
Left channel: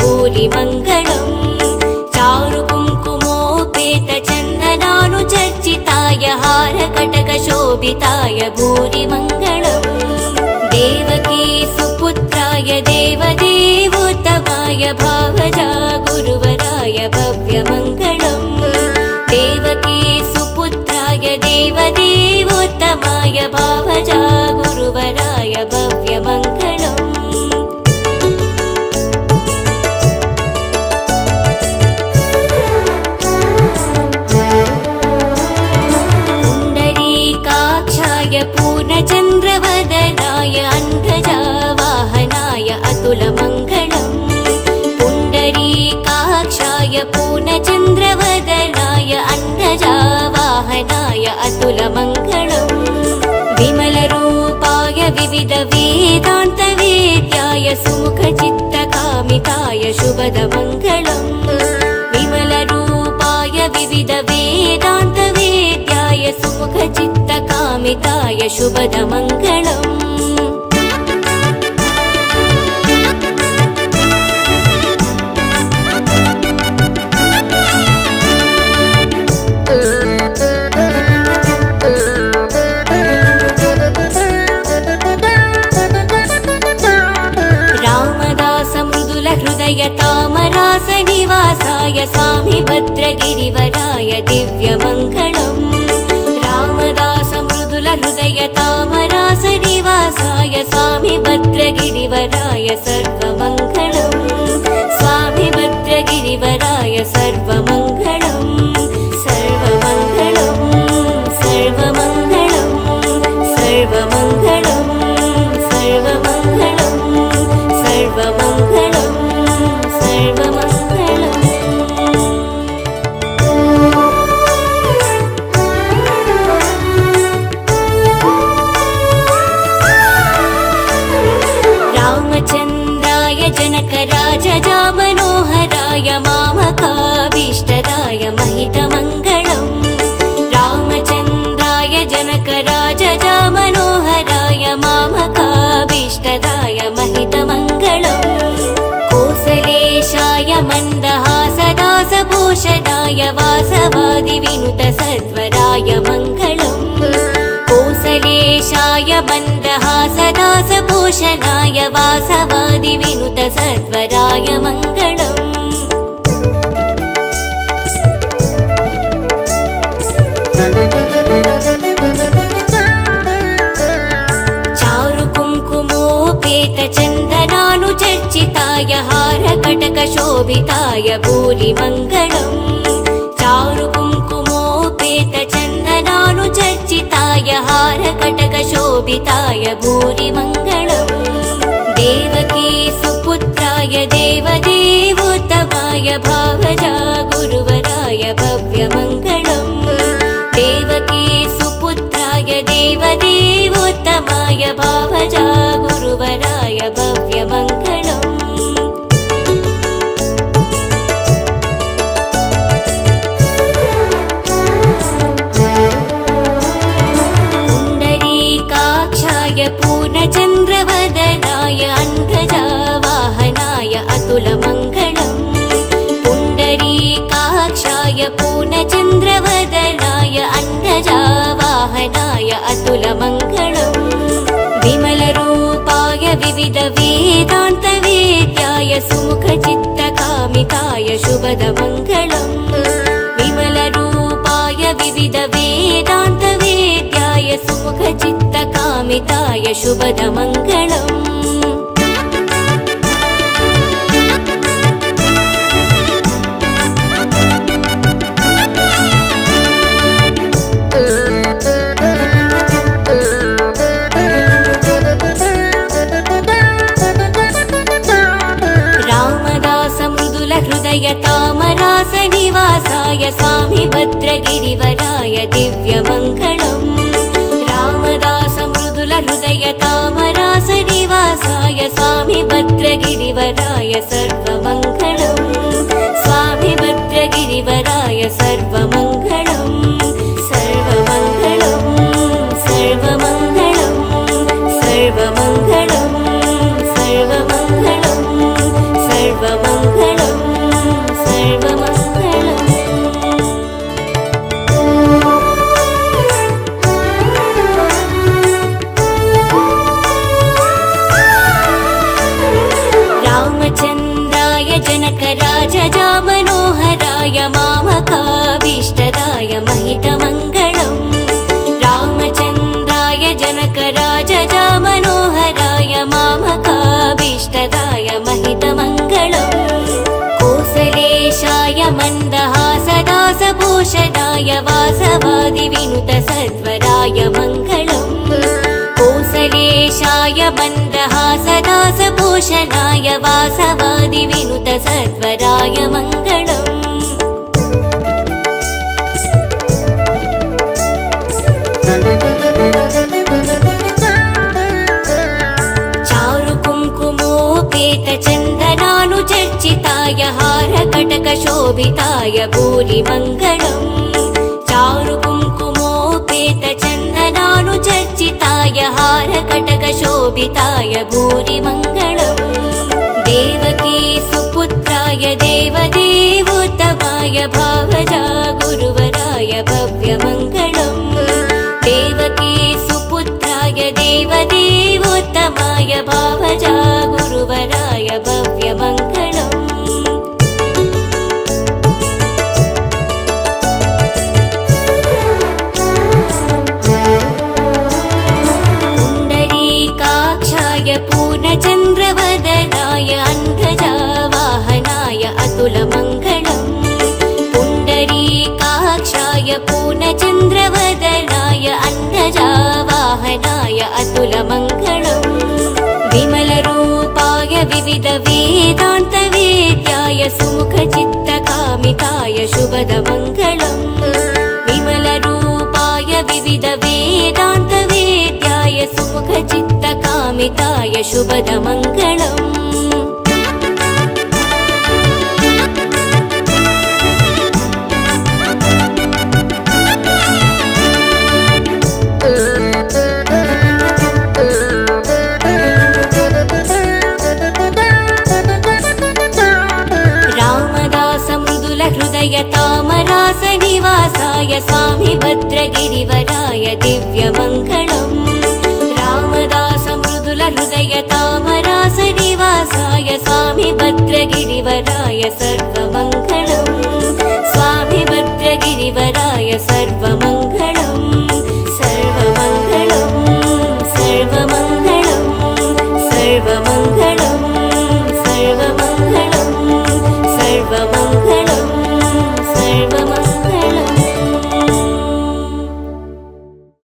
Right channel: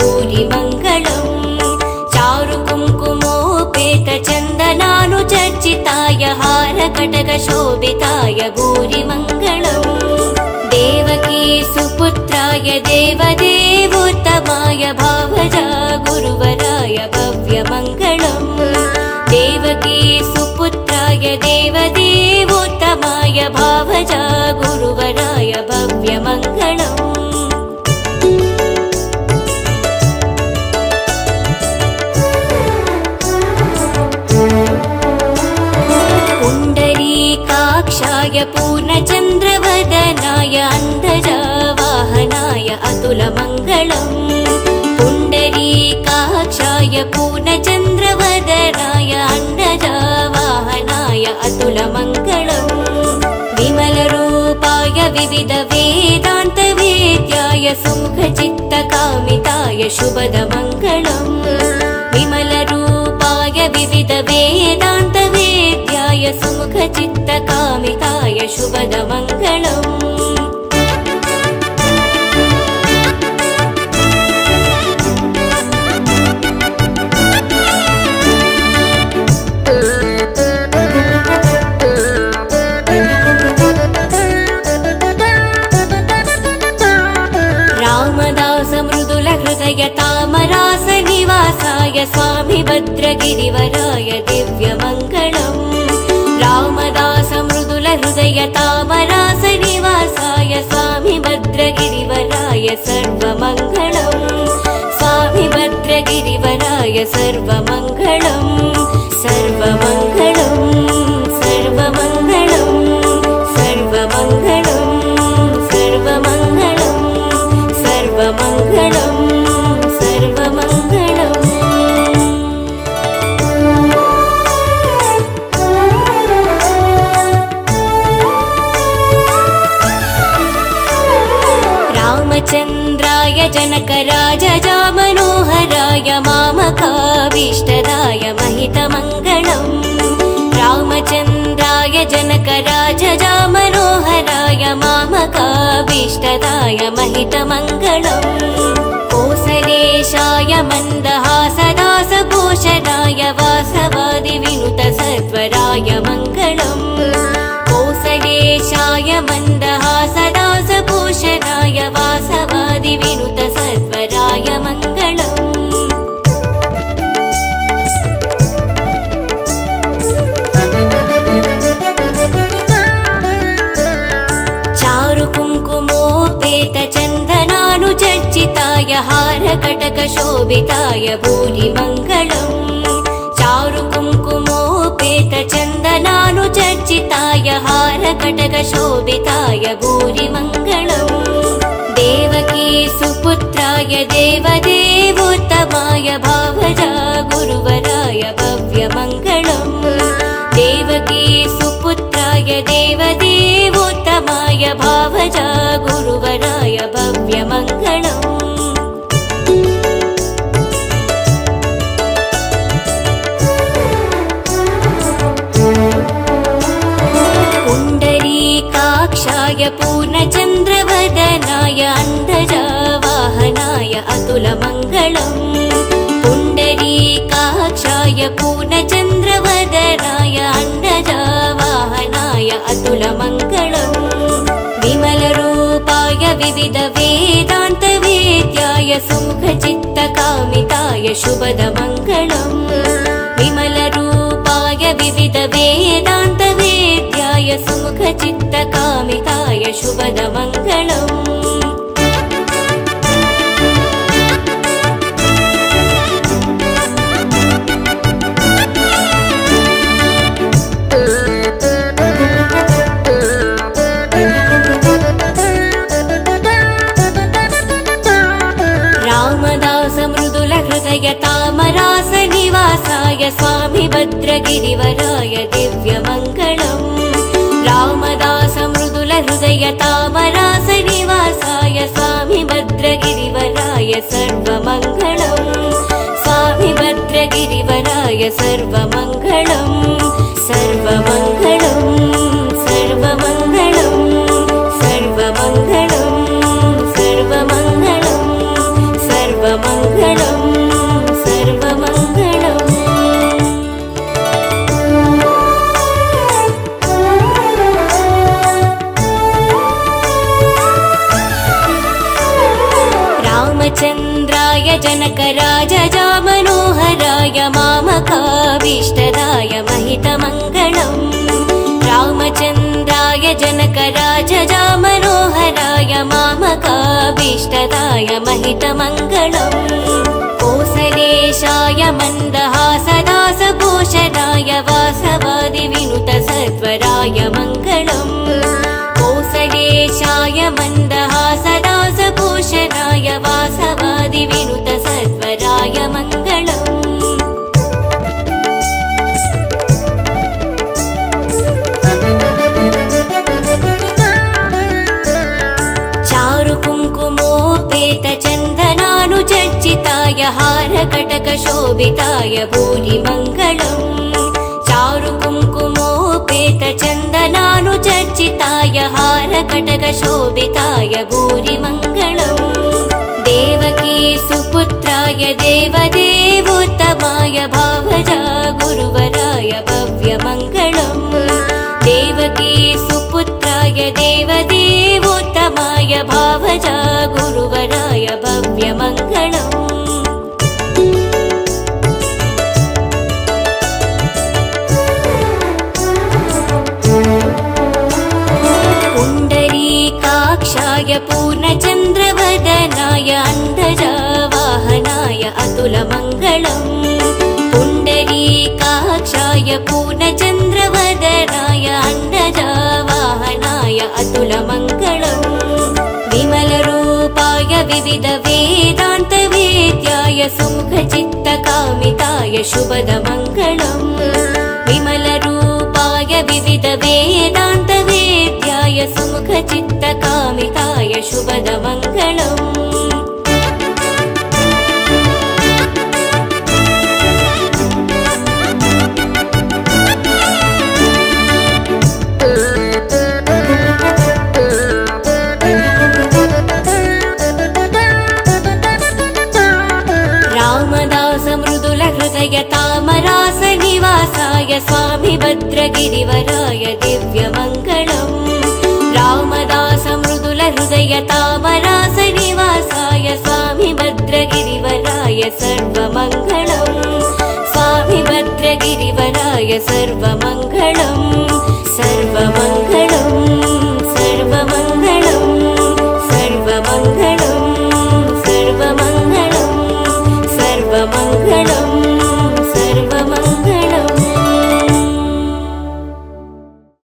भूरिमङ्गलम् चारुकुङ्कुमोपेतचन्दनानुचर्चिताय हारकटकशोभिताय भूरिमङ्गलम् देवकी सुपुत्राय देवदेवोत्तमाय भावजा गुरुवराय भव्यमङ्गलम् देवकी सुपुत्राय देवदेवोत्तमाय भावजा गुरुवराय भव्यमङ्गलम् पुण्डरीकाक्षाय पूर्णचन्द्रवदनाय अन्तजावाहनाय अतुलमङ्गलम् पुण्डरीकाक्षाय पूर्णचन्द्रवदनाय अन्तजावाहनाय अतुलमङ्गलम् विमलरूपाय विविधवेदान्तवेद्याय सुमुखचित्तकामिताय शुभदमङ्गलम् विमलरूपाय विविधवेदान्तवेद्याय सुमुखचित्तकामिताय शुभदमङ्गलम् भूरिमङ्गलम् चारुकुङ्कुमोपेतचन्दनानुचर्चिताय हारकटकशोभिताय भूरिमङ्गलम् देवकी सुपुत्राय देवदेवोत्तमाय भावजा गुरुवराय भव्यमङ्गलम् देवकी सुपुत्राय देवदेवोत्तमाय भावजा गुरुवराय भव्यमङ्गलम् पुण्डरीकाक्षाय पूर्णचन्द्रवदनाय अन्तजावाहनाय अतुलमङ्गलम् पुण्डरीकाक्षाय पूर्णचन्द्रवदनाय अन्तजावाहनाय अतुलमङ्गलम् विमलरूपाय विविधवेदान्तवेद्याय सुमुख